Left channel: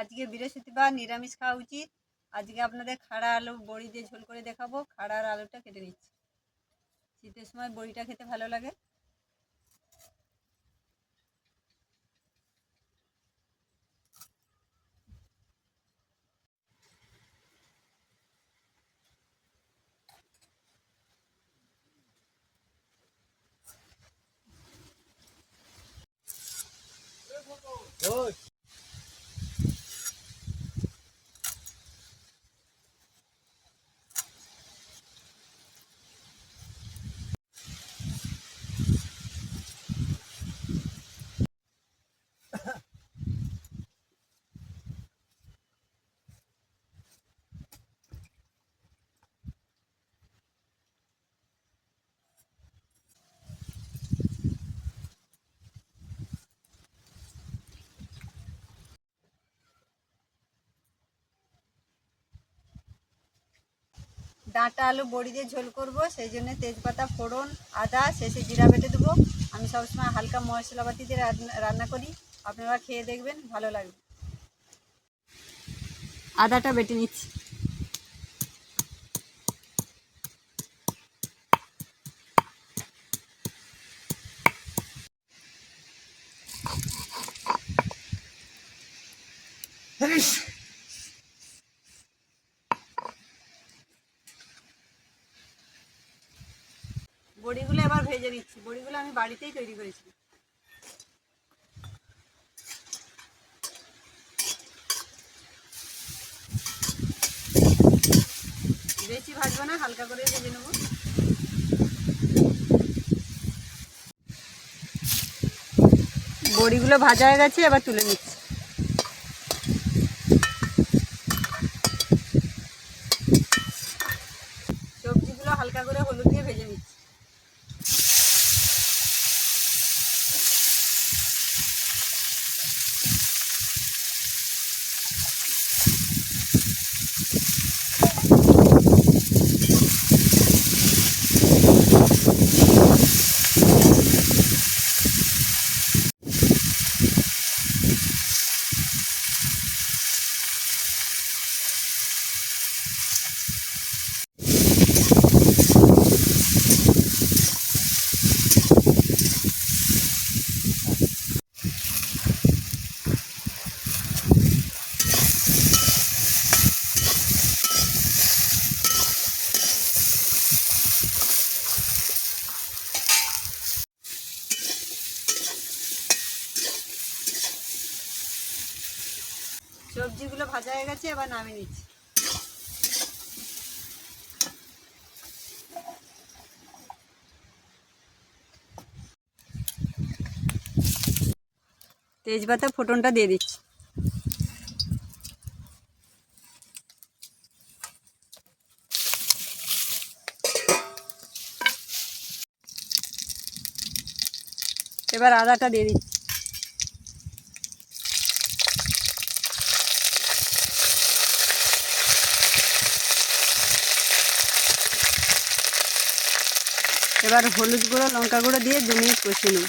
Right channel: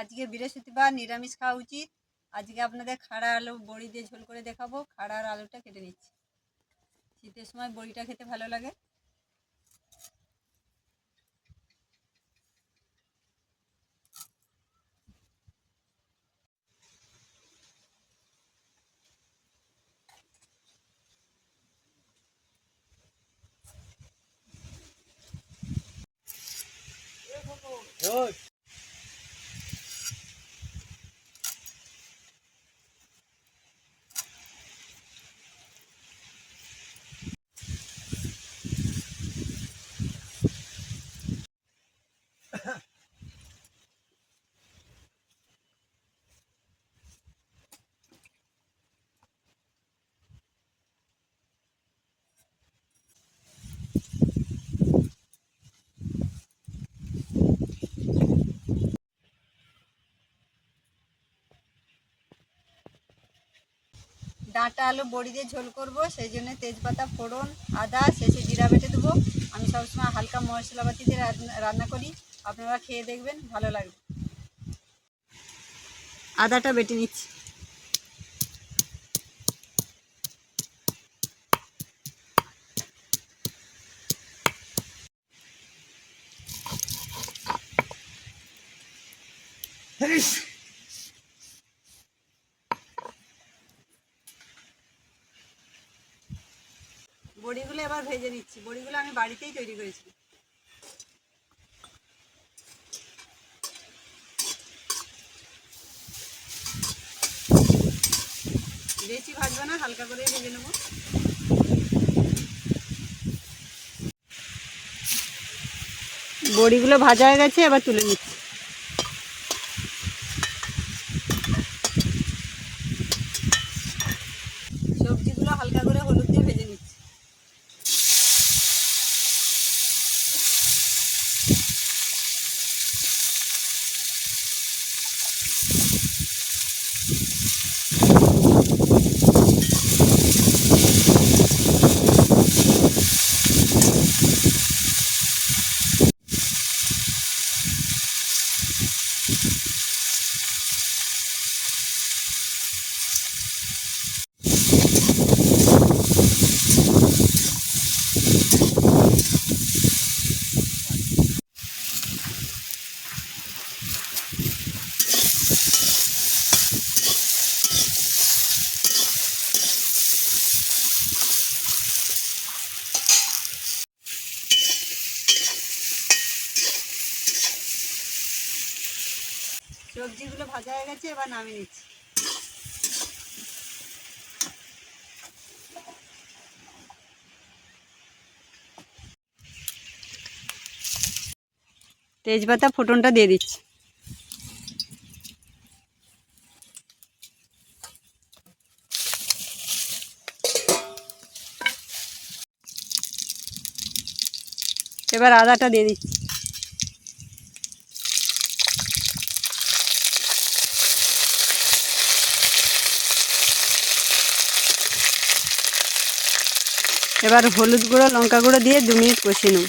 আজকে বৃহস্পতিবার, নিরামিষ খাওয়া উচিত। আজকে আপনাদের খাড়া আলু বড়ি দিয়ে ঝোল করে দেখাবো। খাড়া আর আলুটা কেটে নিচ্ছি। শীতের সময় বড়িটা খেতে ভালো লাগে। ডাঁটা আলু বড়ি দিয়ে ঝোল করব, সেই জন্য তেজপাতা ফোড়ন, আদা, শেষে জিরা বেটে দেবো। আমি সবসময় হালকা মশলাপাতি দিয়ে রান্না করি। আপনারা খেয়ে দেখবেন, ভালো লাগবে। আদাটা বেটে নিচ্ছি। বড়িগুলো এবার ভেজে নিচ্ছি। বড়িগুলো আমি বাড়িতেই তৈরি করেছি। বেশি ভাজবো না, হালকা করে ভেজে নেব। বড়িগুলো ভাজা হয়ে গেছে, এবার তুলে নিচ্ছি। সবজিগুলো হালকা করে হলুদ দিয়ে ভেজে নিচ্ছি। সবজিগুলো ভাজা হয়ে গেছে, এবার নামিয়ে নিচ্ছি। তেজপাতা ফোড়নটা দিয়ে দিচ্ছি। এবার আদাটা দিয়ে দিচ্ছি। এবার হলুদ গুঁড়ো, লঙ্কা গুঁড়ো দিয়ে 2 মিনিট কষিয়ে নেব।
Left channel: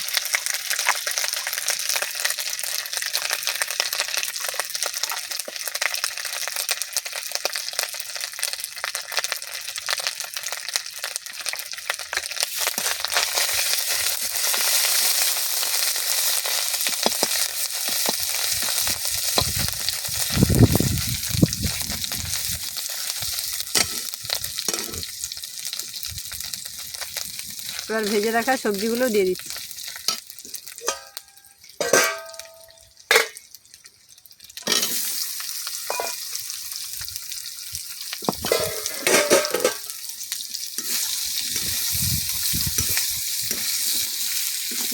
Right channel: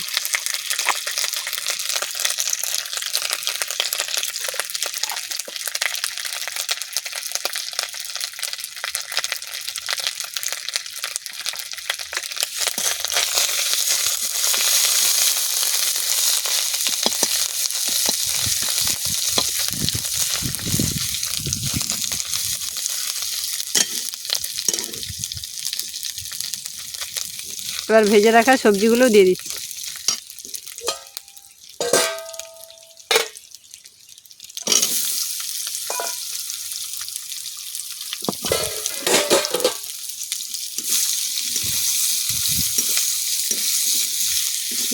এবার ভেজে রাখা সবজিগুলো দিয়ে দিচ্ছি।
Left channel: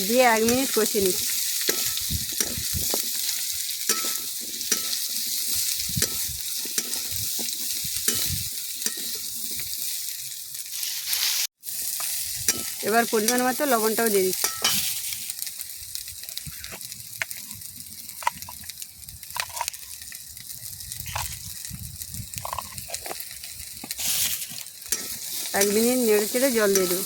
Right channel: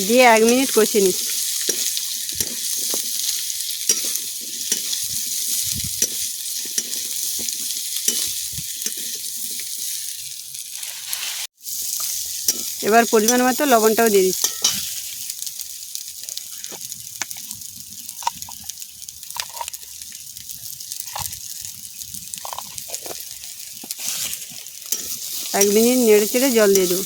দিয়ে 1 মিনিট কষিয়ে নিচ্ছি। এবার পরিমাণ মতো লবণটাও দিয়ে দিচ্ছি। এক মিনিট নেড়ে চেড়ে জল দিয়ে দেবো।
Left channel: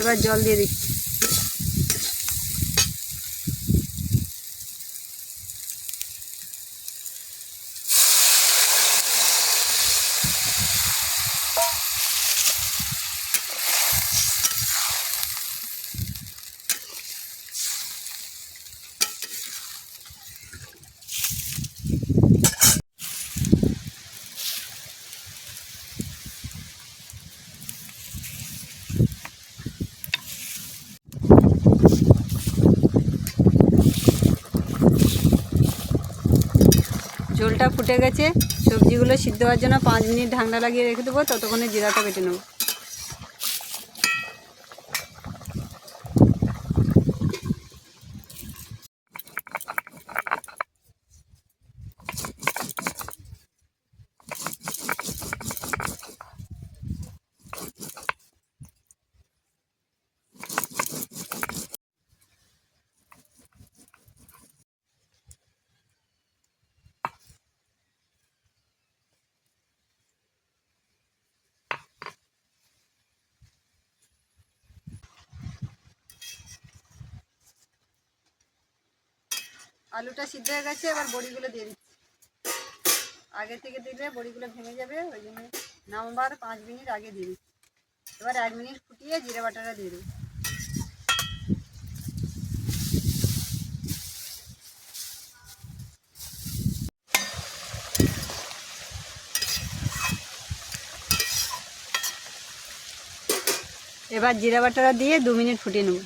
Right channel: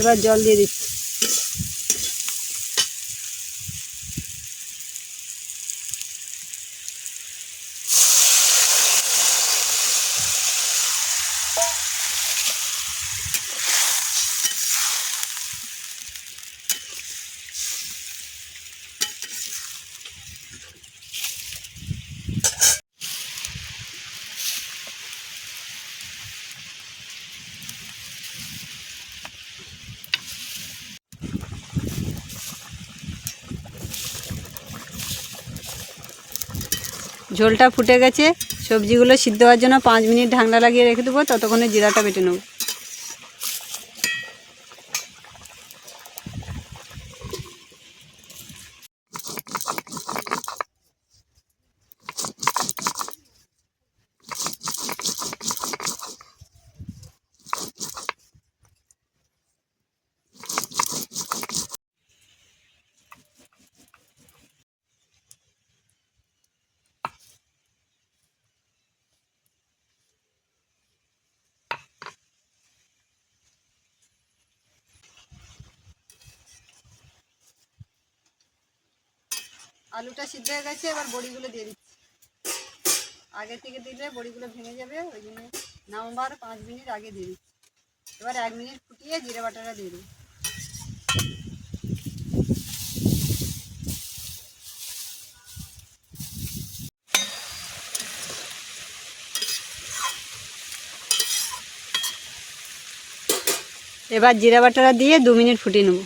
এবার জল দিয়ে দিচ্ছি। ঝোলটা ফুটে গেছে, সবজিগুলো সিদ্ধ হওয়ার জন্য 5 মিনিট ঢাকনা লাগিয়ে রেখে দেবো, ততক্ষণে জিরাটা বেটে নেব। আলুটা সিদ্ধ হয়ে গেছে, এবার বড়িগুলো দিয়ে দিচ্ছি। আগে থেকে দিলে বড়িগুলো ভেঙে যাবে, ওই জন্য নামবার 5 মিনিট আগে দিয়ে দিচ্ছি। এবার 1 মিনিট ফুটিয়ে জিরে বাটাটা দিয়ে দেবো। এবার জিরা বাটাটা দিয়ে 2 মিনিট ফুটিয়ে নেব।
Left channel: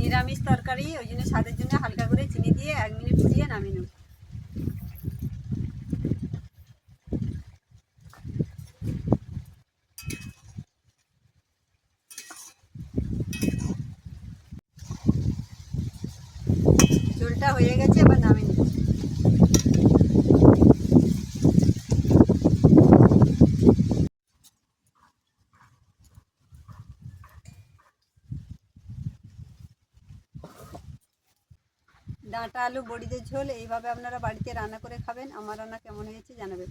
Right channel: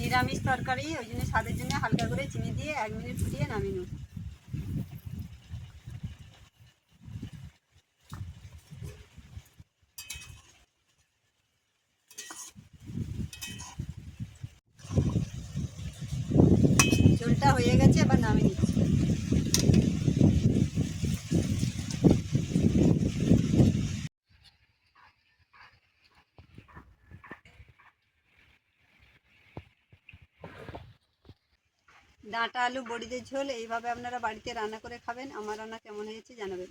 নিরামিষ তরকারি, ওই জন্য স্বাদের জন্য হালকা করে চিনি দিয়ে 1 মিনিট ফুটিয়ে নামিয়ে নেব। ঝোলটা হয়ে গেছে, এবার নামিয়ে নিচ্ছি। ডাঁটা আলু বড়িদের ঝোল এইভাবে আপনারা বাড়িতে রান্না করে খাবেন। আমার রান্না কেমন হয়েছে জানাবেন।